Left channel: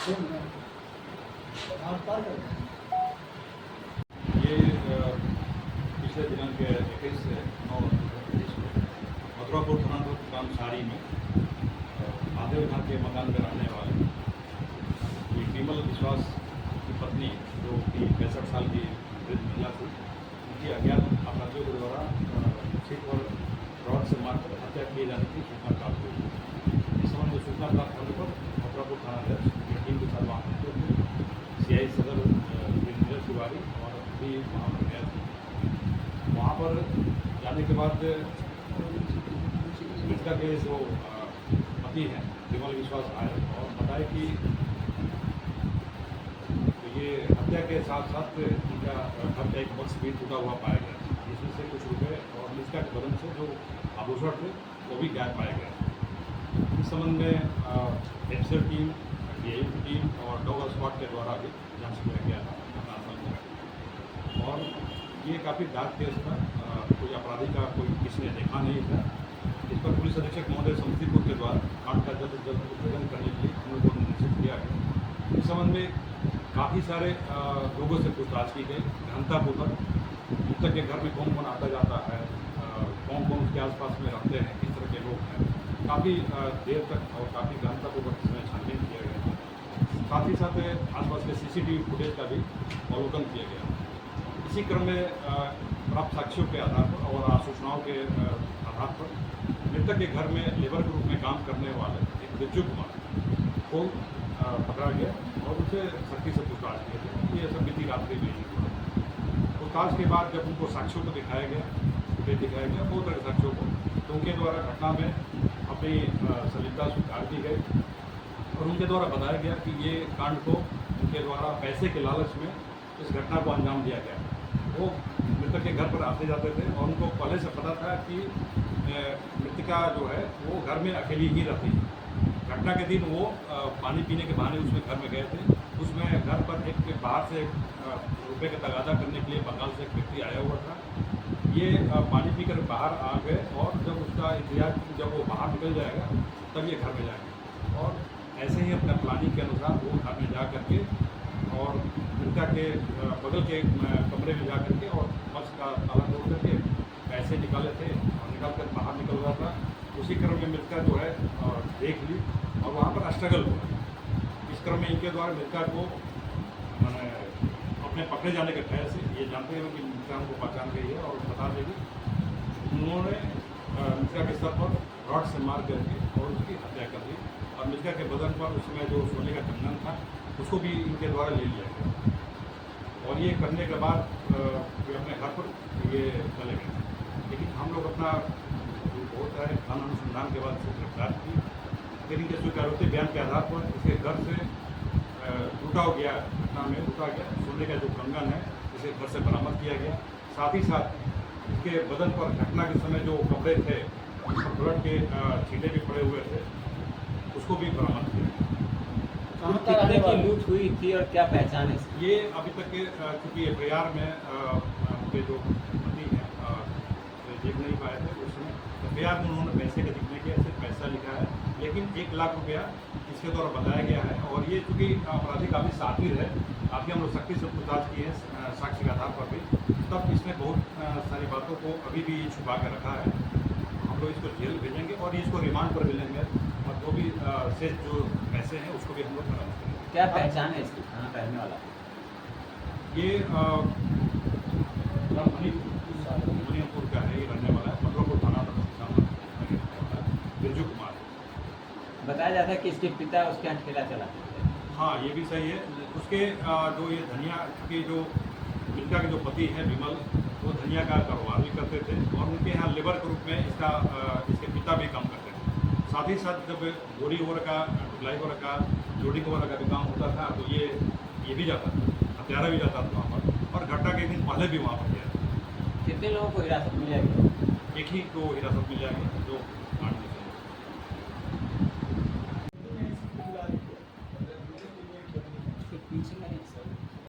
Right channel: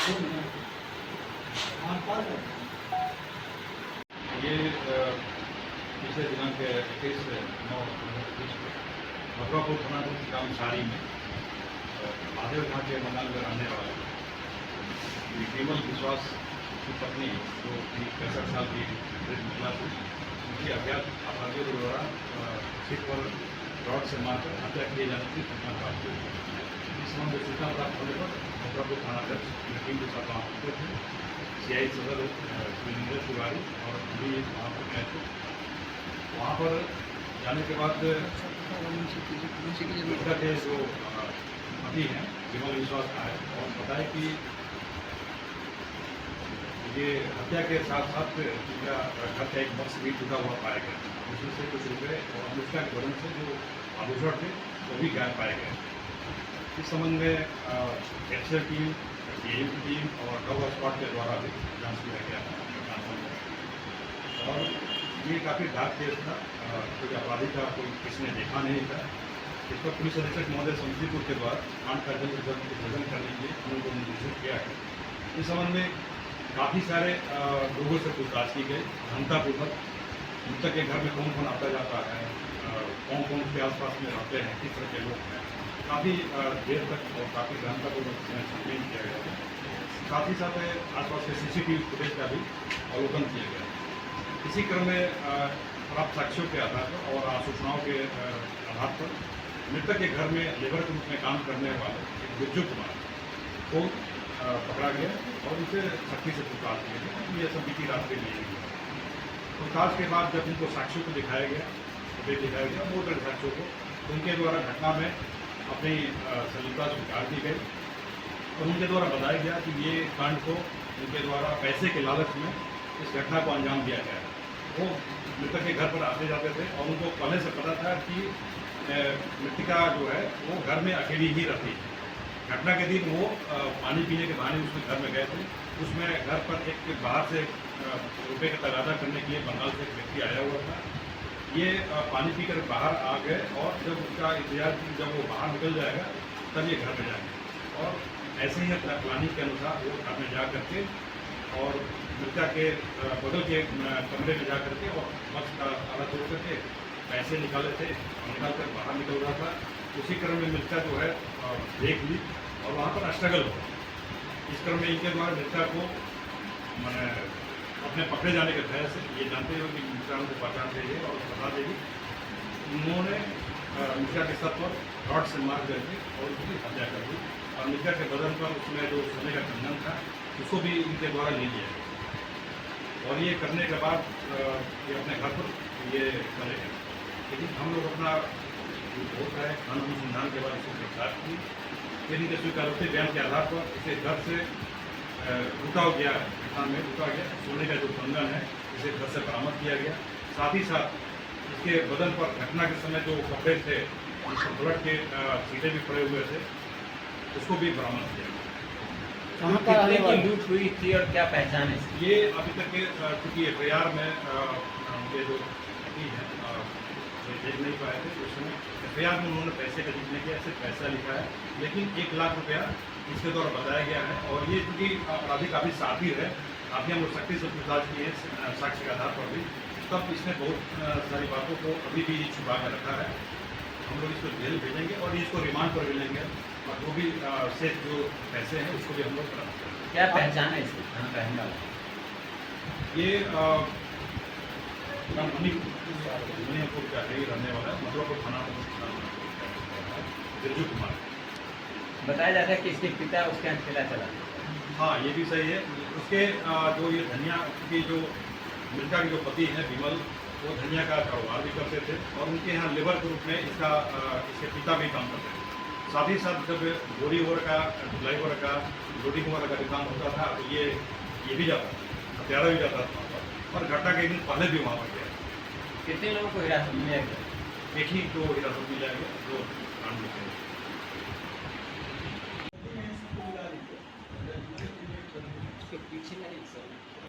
ये पिछले दिनांक 21/9/2023 में मथुरापुर थाना ग्राम सारी में महादेव घाट के मकान में रहने वाले विमल विश्वास की पत्नी जो 65 साल की वृद्ध महिला थी, उनकी अज्ञात अपराधियों के द्वारा सिर पर रॉड से मारकर हत्या किए जाने की सूचना प्राप्त हुई। इस संबंध में सूचना प्राप्त होने पर मथुरापुर थानाध्यक्ष टीम के साथ वहाँ पहुँचे थे। CI सदर वीरेंद्र तिवारी और भी वहाँ पर गए थे। वहाँ पर जाने के बाद मृतका के जो पति हैं विमल विश्वास आए और बताए कि ये हत्या के साथ साथ उनका घर का एक बक्स भी टूटा हुआ पाया गया, उसमें से कुछ रुपये और मृतका के बदन से जो आभूषण थे वो भी गायब पाए गए। इस संबंध में एक्सर टीम, DIU की टीम और डॉग स्क्वाड के द्वारा भी जांच किया गया घटनास्थल में। और ये काफ़ी डार्क केस था, कोई अपराधी का कोई किसी ने देखा नहीं था। इस पर पुलिस अधीक्षक महोदय समस्तीपुर के द्वारा कांड का जल्द भोजन करने के लिए उनको निर्देशित किया गया। इस संबंध में काफ़ी सारे लोगों से पूछताछ की गई, गहनतापूर्वक मृतक के घर में कौन कौन आता जाता है, कौन कौन उसके आसपास में रहते हैं, किस तरह के लोग हैं, काफ़ी देर तक और काफ़ी गहनतापूर्वक इसमें छानबीन किया गया। साथ ही साथ आसपास के CCTV फुटेज का भी अवलोकन किया गया। इसी क्रम में प्राप्त साक्ष्यों के आधार पर और सूचनाओं के आधार पर मृतक के घर में लेबर के रूप में काम करने वाले एक बिरजू कुमार को पकड़ा गया और उसे सख्ती से पूछताछ किया गया कि ये सब बीती रात के लिए पूछताछ के बाद जब उनको साक्ष्यों को दिखाया गया, फुटेज दिखाया गया, बहुत तरह साक्ष्यों को, तो उनके द्वारा घटना में अपनी संलिप्तता स्वीकार की गई और उनके द्वारा बताया गया कि ये कांड को उनके द्वारा पैसे के लालच में इस घटना को अंजाम दिया गया। वो मृतक के घर पर आते जाते थे और उनको पहले से पता था कि मृतिका जो है वो घर में अकेली ही रहती है। घटना के दिन वो पानी पीने के बहाने उसमें घर में गए थे। उसमें घर पर एक बाहर से रुपये का तगादा करने के लिए बंगाल से एक व्यक्ति आया हुआ था। ये पानी पीकर बाहर आ गए और जब उसका इंतजार जब वो बाहर निकल जाएगा तब ये घर में जाएंगे और ऐसे ही अपना प्लानिंग के अनुसार वो घर में जा करके और मृतका के बगल के कमरे में जा करके और बक्स का ताला तोड़ करके पैसे निकाले थे और निकाल कर बाहर निकल रहा था। उसी क्रम में मृतका जो है देख ली और वहाँ पर स्ट्रगल हुआ। इस क्रम में इनके द्वारा मृतका को मैंने अपने पकड़े जाने के तरह से ये जानते हुए कि मृतका को पहचान गई है और बता देगी, उन्होंने मृतका के सर पर रॉड से मार करके और उसकी हत्या कर दी और मृतका के बदन पर उसमें जो सोने का कंगन था उसको भी इनके द्वारा ले लिया गया और ये करने के बाद ये अपने घर पर ये चले गए। लेकिन हम लोग अपना होता है खान अनुसंधान के बाद इसको गिरफ्तार की, फिर इनके स्वीकारोक्ति बयान के आधार पर इसे घर से लूटा गया, घटना में लूटा गया सोने का जो कंगन है इसे घर से बरामद किया गया। साथ ही साथ इसके बदन पर घटना के समय जो कपड़े थे उन पर ब्लड के छींटे भी पड़े हुए थे, उसको भी बरामद किया। कितने की लूट हुई थी और क्या पहचान है? ये अभी तक के चूँकि FIR में उनके जो पति हैं देख नहीं पाए थे उस समय FIR में उन्होंने पैसे का लिखने के ऐसे पैसा लिखा है, लेकिन 1 लाख रुपया इसके द्वारा बताया गया है। और ये चूँकि अपराधी काफ़ी साथी है, काफ़ी हम लोग सख्ती से पूछताछ किए हैं साक्ष्य के आधार पर भी, तब इसने बहुत सारी बातों को अभी भी छुपा कर रखा है। हम लोग इसको जेल भेजेंगे और इसको रिमांड पर भी लेंगे और जो भी शेष जो पैसे हैं उसको भी हम लोग बरामद करेंगे। क्या पहचान है इसकी कहने वाला? ये मणिपुर का है, रहने वाला है, मथुरापुर थाना बिरजू कुमार। बताया जाता है कि इसके पिता उसके यहाँ ठेला चला। हाँ, ये भी सही है। उसके जो ये धनिया की जो मृतका के जो पति हैं विमल, वो धनिया का कारोबार भी करते थे और उनके यहाँ लेबर के रूप में इसके पिता भी काम करते थे। साथ ही साथ जब बोरी वगैरह का, ढुलाई वगैरह का, लोडिंग वगैरह का भी काम होता था तो ये भी जाता था, हत्यारा भी जाता था वहाँ पर और घटना के दिन पहले भी वहाँ पर गया। कितने लोगों को हिरासत में लिया गया? एक ही को हिरासत में लिया गया जो